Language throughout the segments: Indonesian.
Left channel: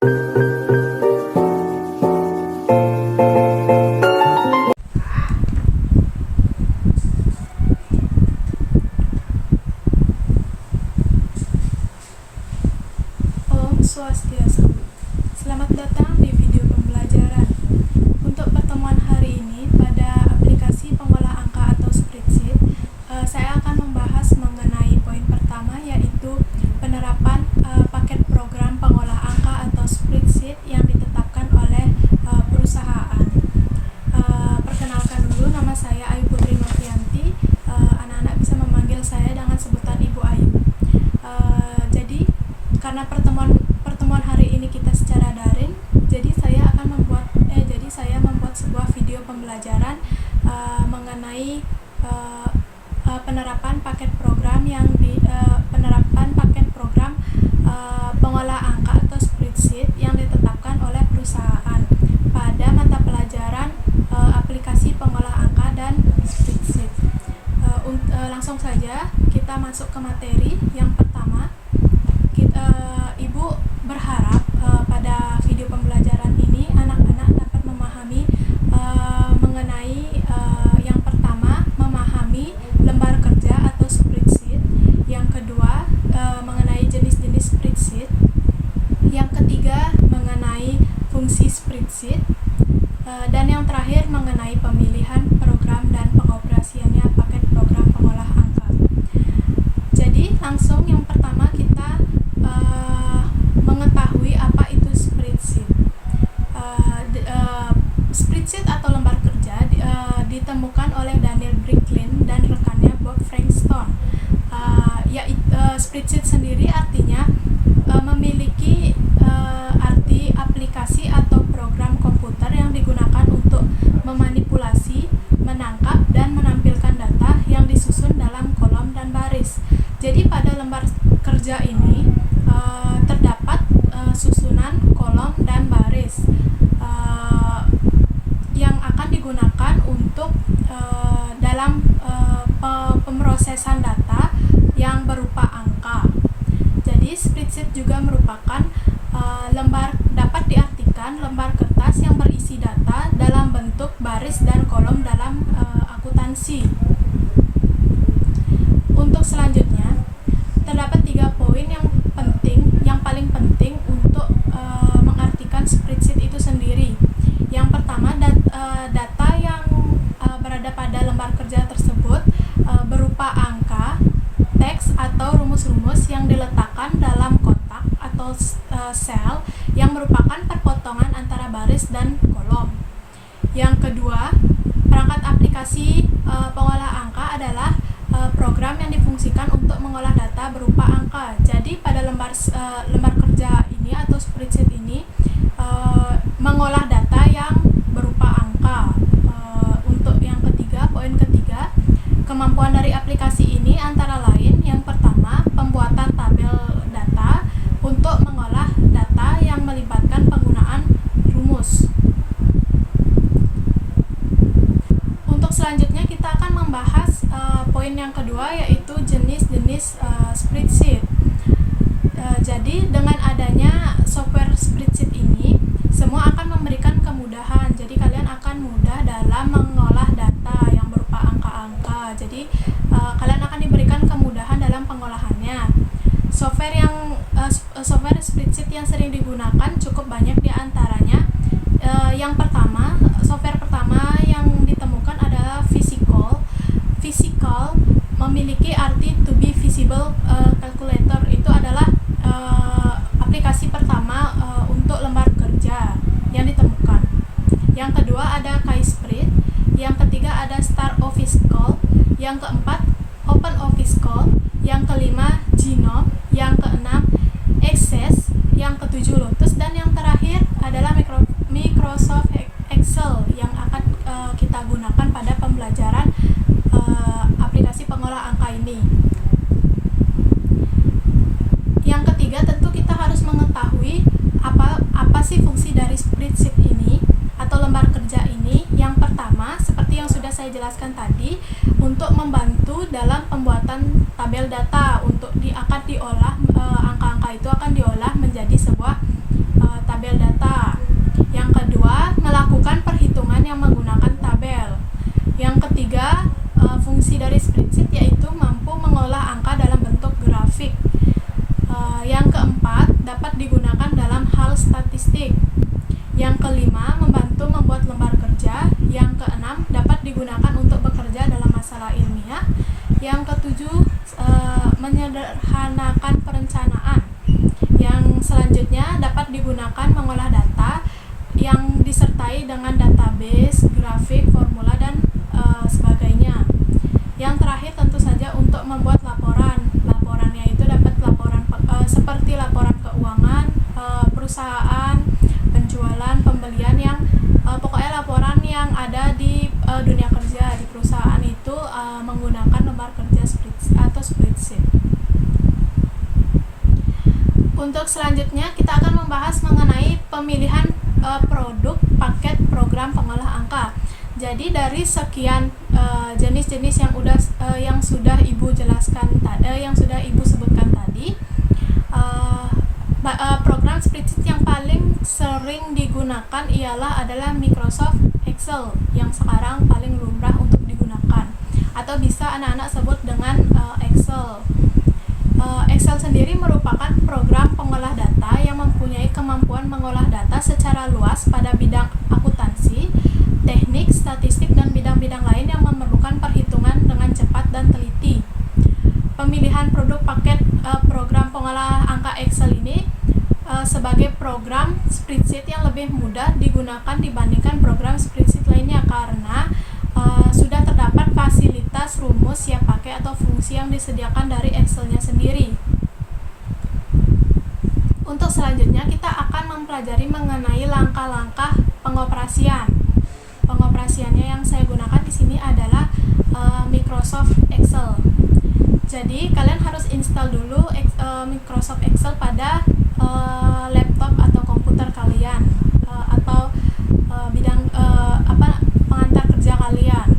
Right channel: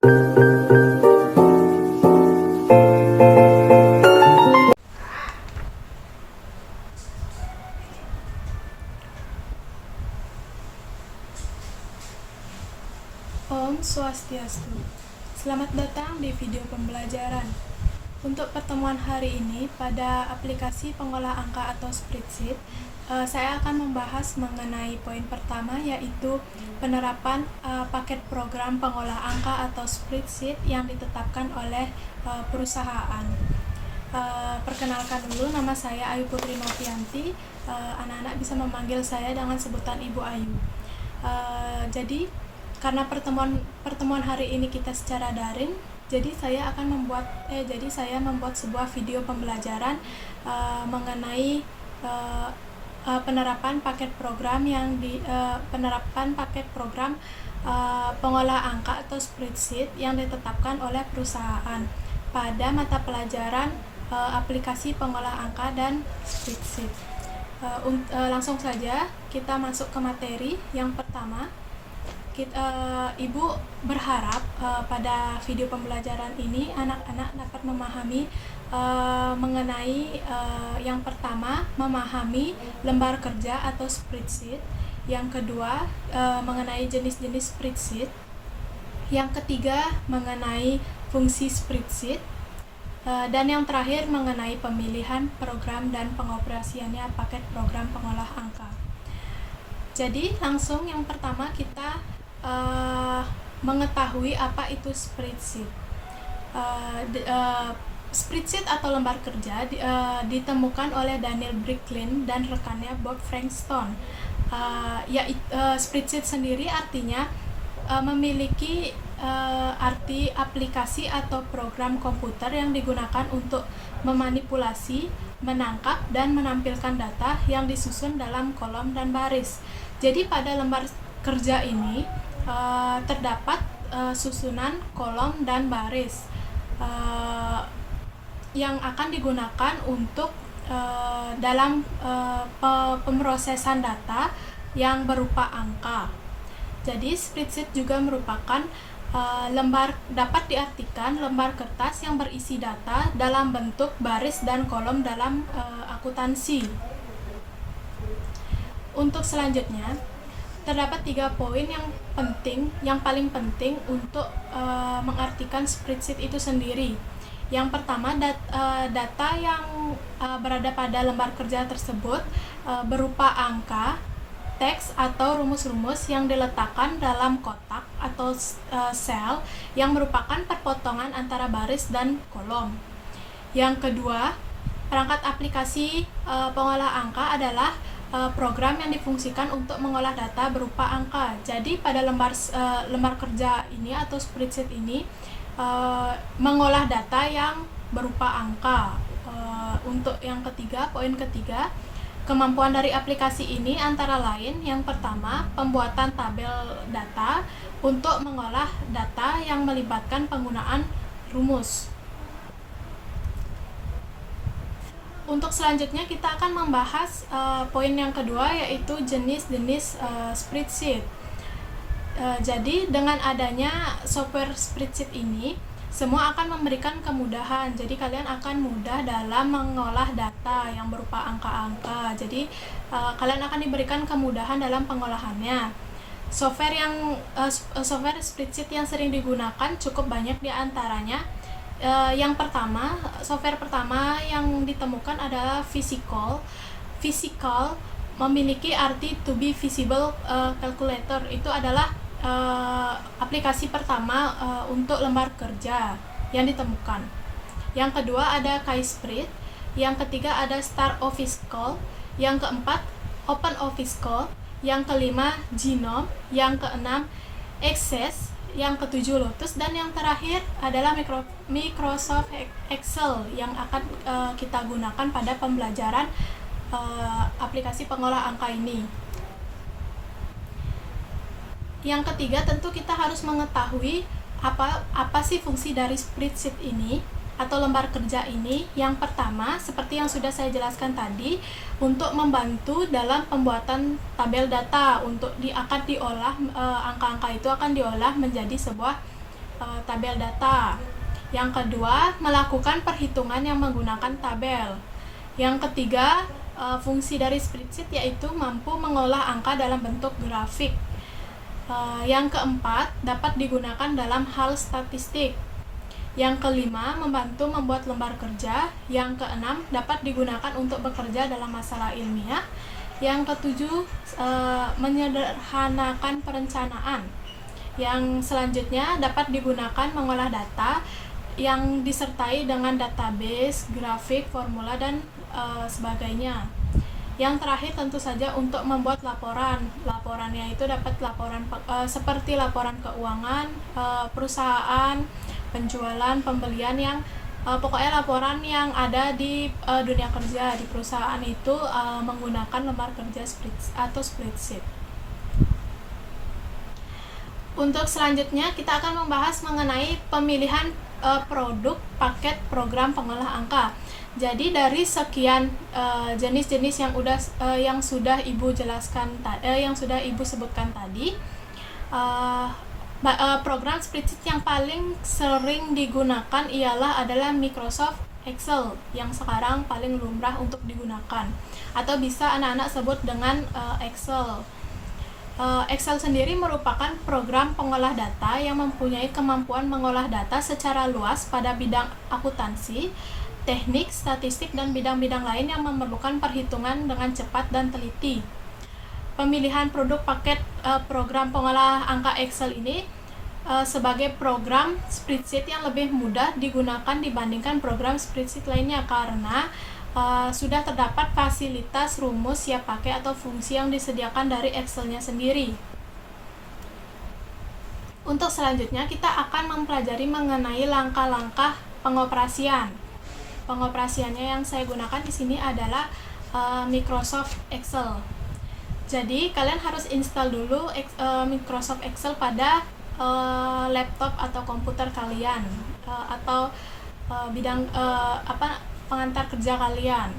Om Swastiastu. Selamat datang di video pembelajaran. Untuk pertemuan hari ini pada aplikasi pengolah angka atau spreadsheet, saya akan membahas mengenai poin pertama, yaitu penerapan paket program pengolah angka atau spreadsheet yang ditetapkan oleh perusahaan. Perkenalkan dulu, nama saya Ayu Putri Novianti. Anak-anak bisa memanggil saya dengan sebutan Ibu Ayu. Jadi karena pertemuan hari ini kita secara daring, jadi saya membuat sebuah video pembelajaran mengenai penerapan paket program pengolah angka atau spreadsheet yang ditetapkan oleh perusahaan pada mata pelajaran aplikasi pengolah angka dan spreadsheet. Langsung saja kita masuk ke materi yang pertama. Ibu berharap pada video pembelajaran ini anak-anak dapat memahami mengenai yang pertama, memahami lembar kerja atau spreadsheet, yang kedua mengenai jenis-jenis spreadsheet, yang ketiga mengenai fungsi spreadsheet, dan yang terakhir mengenai pemilihan program dan pengoperasiannya paket program pengolah angka. Jadi langsung yang pertama kita mengetahui apa itu spreadsheet. Spreadsheet atau lembar kerja ditemukan oleh Daniel Bricklin dan rekannya Bob Frankston. Spreadsheet sendiri artinya memiliki arti aplikasi atau program komputer yang digunakan untuk memanipulasi, menangkap, dan menampilkan data yang disusun dalam kolom dan baris. Jadi pada lembar kerja ini terdapat susunan kolom dan baris yang akan digunakan untuk dalam pemrosesan data yang berupa angka. Jadi spreadsheet juga merupakan dapat diartikan lembar kertas yang berisi data dalam bentuk baris dan kolom dalam akuntansi. Untuk selanjutnya, terdapat 3 poin yang paling penting untuk mengartikan spreadsheet itu sendiri. Yang pertama, data yang berada pada lembar kerja tersebut berupa angka, teks atau rumus-rumus yang diletakkan dalam kotak atau sel yang merupakan perpotongan antara baris dan kolom. Yang kedua, perangkat aplikasi pengolah angka adalah program yang difungsikan untuk mengolah data berupa angka. Jadi pada lembar kerja ini atau spreadsheet ini mengolah data yang berupa angka. Untuk yang ketiga, poin ketiga, kemampuan dari aplikasi ini antara lain yang pertama, pembuatan tabel data untuk mengolah data yang melibatkan penggunaan rumus. Untuk selanjutnya kita akan membahas poin yang kedua, yaitu jenis-jenis spreadsheet. Jadi dengan adanya software spreadsheet ini, semua akan memberikan kemudahan. Jadi kalian akan mudah dalam mengolah data yang berupa angka-angka. Jadi kalian akan diberikan kemudahan dalam pengolahannya. Software spreadsheet yang sering digunakan cukup banyak di antaranya. Yang pertama, software pertama yang ditemukan adalah Visical. Visical memiliki arti to be visible calculator. Itu adalah aplikasi pertama untuk lembar kerja yang ditemukan. Yang kedua ada KaiSpread. Yang ketiga ada Star Office Call. Yang keempat Open Office Call. Yang kelima Genome. Yang keenam Access. Yang ketujuh Lotus, dan yang terakhir adalah Microsoft Excel yang akan kita gunakan pada pembelajaran aplikasi pengolah angka ini. Yang ketiga, tentu kita harus mengetahui apa sih fungsi dari spreadsheet ini atau lembar kerja ini. Yang pertama, seperti yang sudah saya jelaskan tadi, untuk membantu dalam pembuatan tabel data. Akan diolah angka-angka itu akan diolah menjadi sebuah tabel tabel data. Yang kedua, melakukan perhitungan yang menggunakan tabel. Yang ketiga, fungsi dari spreadsheet yaitu mampu mengolah angka dalam bentuk grafik. Yang keempat, dapat digunakan dalam hal statistik. Yang kelima, membantu membuat lembar kerja. Yang keenam, dapat digunakan untuk bekerja dalam masalah ilmiah. Yang ketujuh, menyederhanakan perencanaan. Yang selanjutnya, dapat digunakan mengolah data yang disertai dengan database, grafik, formula, dan sebagainya. Yang terakhir tentu saja untuk membuat laporan. Laporannya itu dapat laporan seperti laporan keuangan, perusahaan, penjualan, pembelian, yang pokoknya laporan yang ada di dunia kerja di perusahaan itu menggunakan lembar kerja spreadsheet. Untuk selanjutnya kita akan membahas mengenai pemilihan produk paket program pengolah angka. Jadi dari sekian jenis-jenis yang sudah Ibu jelaskan yang sudah Ibu sebutkan tadi, program spreadsheet yang paling sering digunakan adalah Microsoft Excel, yang sekarang paling lumrah untuk digunakan, atau bisa anak-anak sebut dengan Excel. Excel sendiri merupakan program pengolah data yang mempunyai kemampuan mengolah data secara luas pada bidang akuntansi, teknik, statistik, dan bidang-bidang lain yang memerlukan perhitungan dengan cepat dan teliti. Pemilihan produk paket program pengolah angka Excel ini sebagai program spreadsheet yang lebih mudah digunakan dibandingkan program spreadsheet lainnya karena sudah terdapat fasilitas rumus siap pakai atau fungsi yang disediakan dari Excel-nya sendiri. Untuk selanjutnya kita akan mempelajari mengenai langkah-langkah pengoperasian. Pengoperasiannya yang saya gunakan di sini adalah Microsoft Excel. Jadi kalian harus install dulu Microsoft Excel pada laptop atau komputer kalian atau pengantar kerja kalian.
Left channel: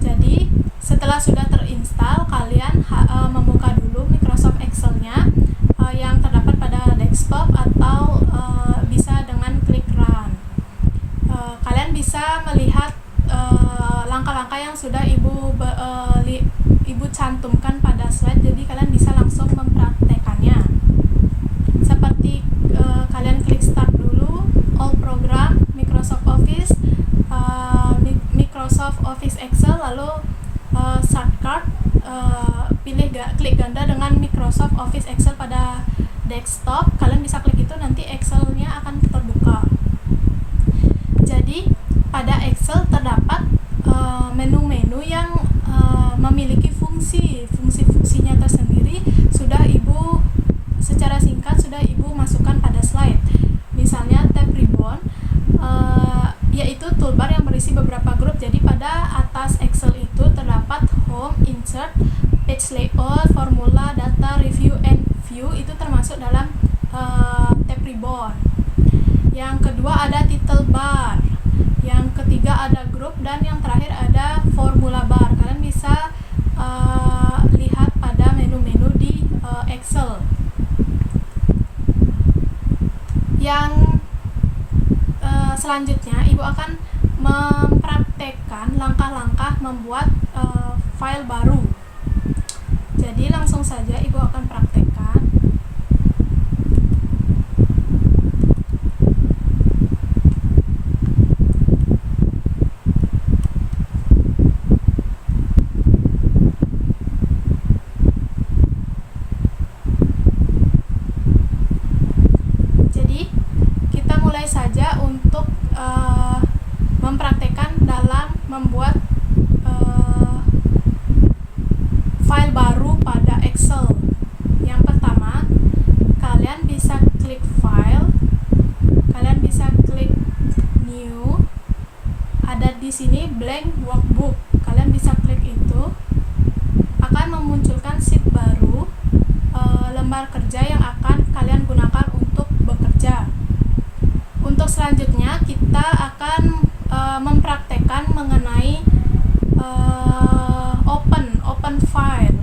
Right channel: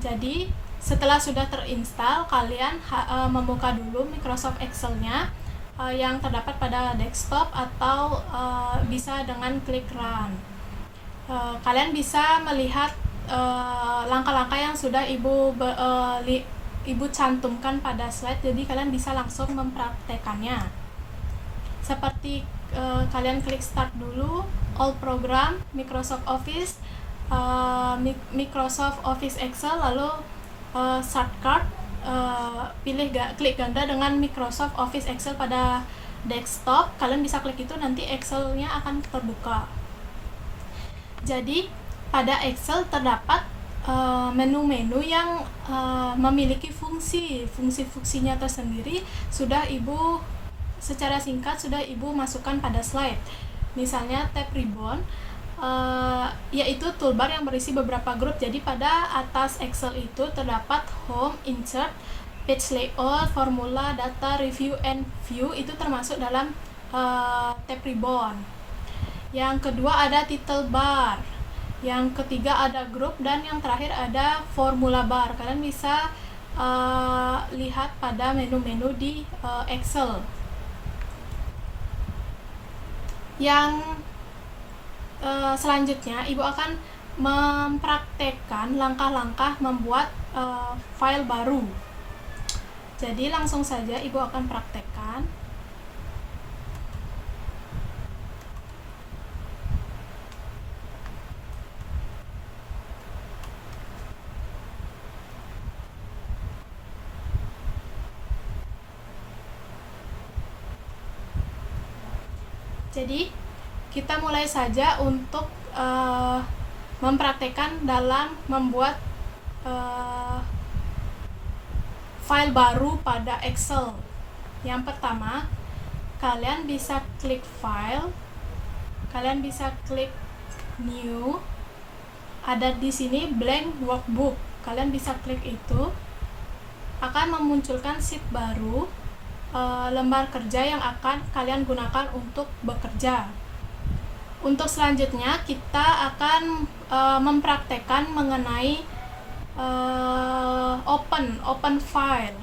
Jadi setelah sudah terinstall, kalian membuka dulu Microsoft Excel-nya yang terdapat pada desktop atau bisa dengan klik run. Kalian bisa melihat langkah-langkah yang sudah Ibu cantumkan pada slide, jadi kalian bisa langsung mempraktekannya. Seperti kalian klik start dulu, all program, Microsoft Office, Microsoft Office Excel, lalu shortcut, klik ganda dengan Microsoft Office Excel pada desktop. Kalian bisa klik itu, nanti Excel-nya akan terbuka. Jadi pada Excel terdapat menu-menu yang memiliki fungsinya tersendiri. Secara singkat sudah Ibu masukkan pada slide. Misalnya tab ribbon, yaitu toolbar yang berisi beberapa grup. Jadi pada atas Excel itu terdapat home, insert, page layout, formula, data, review, and view. Itu termasuk dalam tab ribbon. Yang kedua ada title bar, yang ketiga ada grup, dan yang terakhir ada formula bar. Kalian bisa lihat pada menu-menu di Excel. Yang selanjutnya Ibu akan mempraktekkan langkah-langkah membuat file baru. Jadi langsung saja Ibu akan praktekkan. Jadi kita mulai saja untuk mempraktekkan dalam membuat file baru pada Excel. Yang pertama, kalian bisa klik file, kalian bisa klik new, ada di sini blank workbook. Kalian bisa klik itu, akan memunculkan sheet baru, lembar kerja yang akan kalian gunakan untuk bekerja. Untuk selanjutnya kita akan mempraktekkan mengenai open file.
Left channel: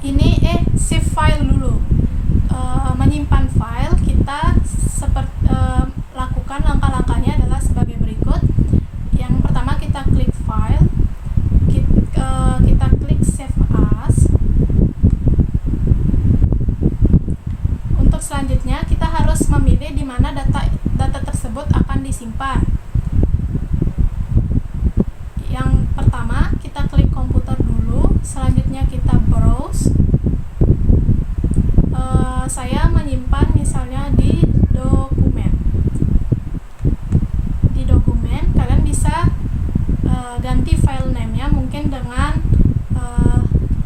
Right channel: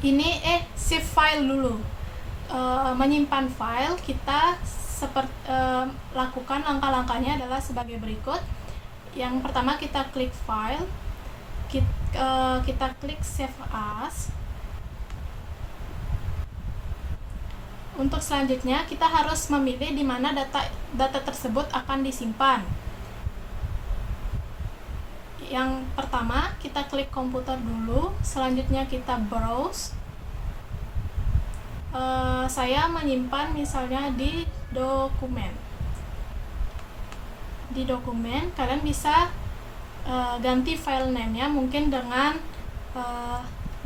Ini save file dulu. Menyimpan file kita memilih di mana data tersebut akan disimpan. Yang pertama, kita klik komputer dulu, selanjutnya kita browse. Saya menyimpan misalnya di dokumen. Di dokumen, kalian bisa ganti file name-nya mungkin dengan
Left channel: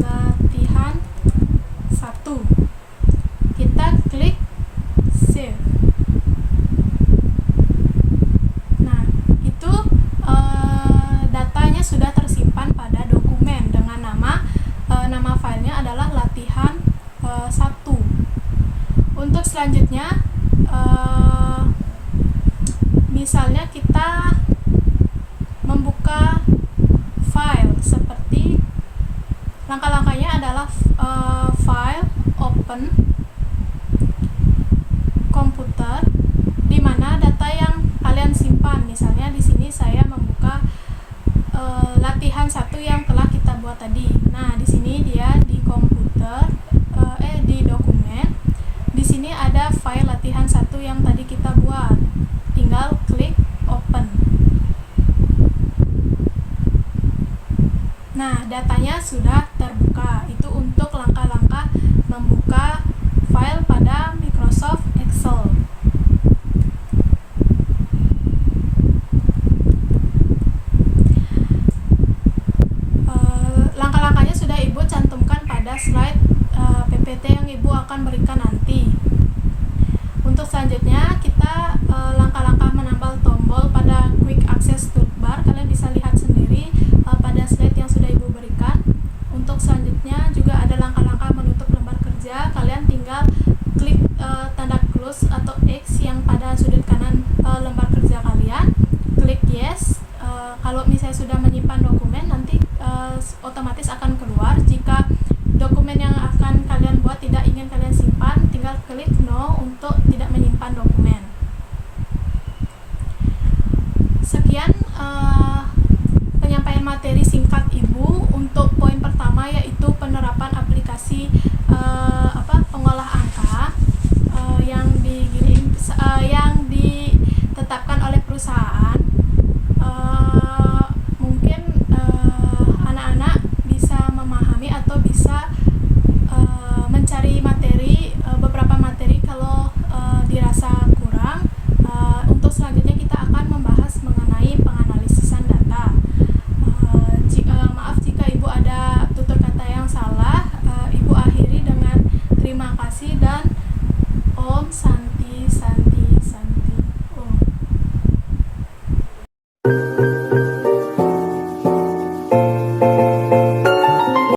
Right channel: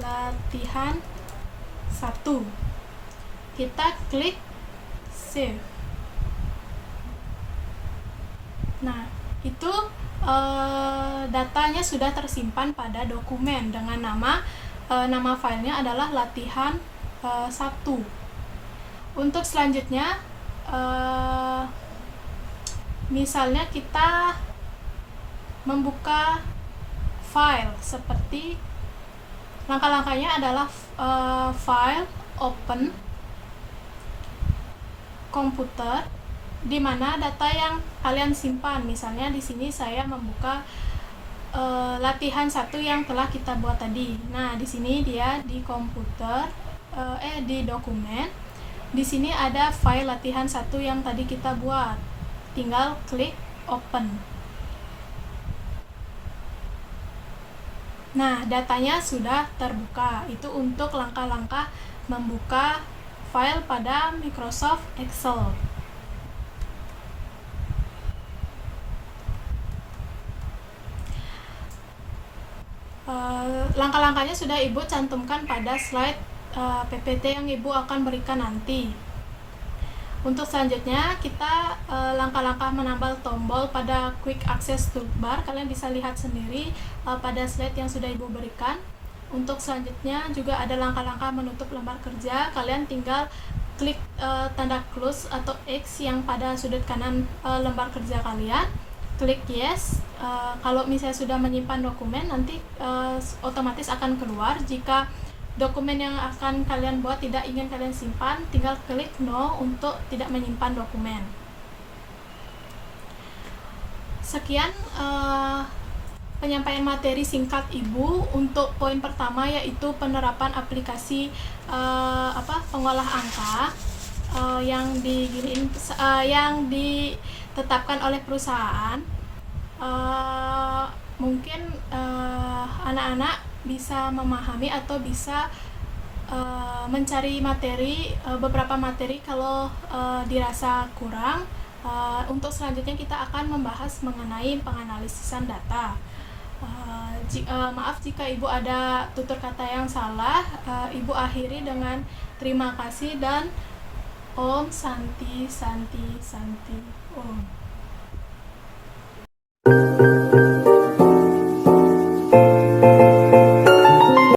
latihan 1. Kita klik save. Nah, itu datanya sudah tersimpan pada dokumen dengan nama filenya adalah latihan 1. Untuk selanjutnya, misalnya kita membuka file, seperti langkah-langkahnya adalah file, open, komputer, di mana data yang kalian simpan. Misalnya di sini saya membuka latihan 1 yang telah kita buat tadi. Nah, di sini dia di komputer, di dokumen. Di sini ada file latihan 1 yang tadi kita buat. Tinggal klik open. Nah, datanya sudah terbuka. Itu untuk langkah-langkah membuka file pada Microsoft Excel. Langkah-langkahnya sudah Ibu cantumkan pada slide PPT yang Ibu akan berikan nanti. Untuk selanjutnya, kita langkah-langkah menambah tombol pada Quick Access Toolbar. Kalian bisa lihat sendiri pada slide yang sudah Ibu berikan. Untuk selanjutnya juga ada langkah-langkah menutup lembar kerja. Kalian tinggal klik tanda close atau X yang pada sudut kanan lembar kerja kalian. Klik yes. Kalau misalnya sudah menyimpan dokumen, nanti otomatis akan keluar. Jika dokumen yang akan kalian buat tidak ingin kalian simpan, tinggal klik no untuk tidak menyimpan dokumen. Sekian penyampaian materi singkat Ibu untuk poin pertama, yaitu penerapan aplikasi pengolah angka yang ditetapkan oleh perusahaan. Mungkin anak-anak bisa memahami atau bisa mencari beberapa materi kalau dirasa kurang. Untuk selanjutnya kita akan membahas mengenai penganalisisan data. Maaf jika Ibu ada tutur kata yang salah. Ibu akhiri dengan terima kasih dan Om Santi Santi Santi.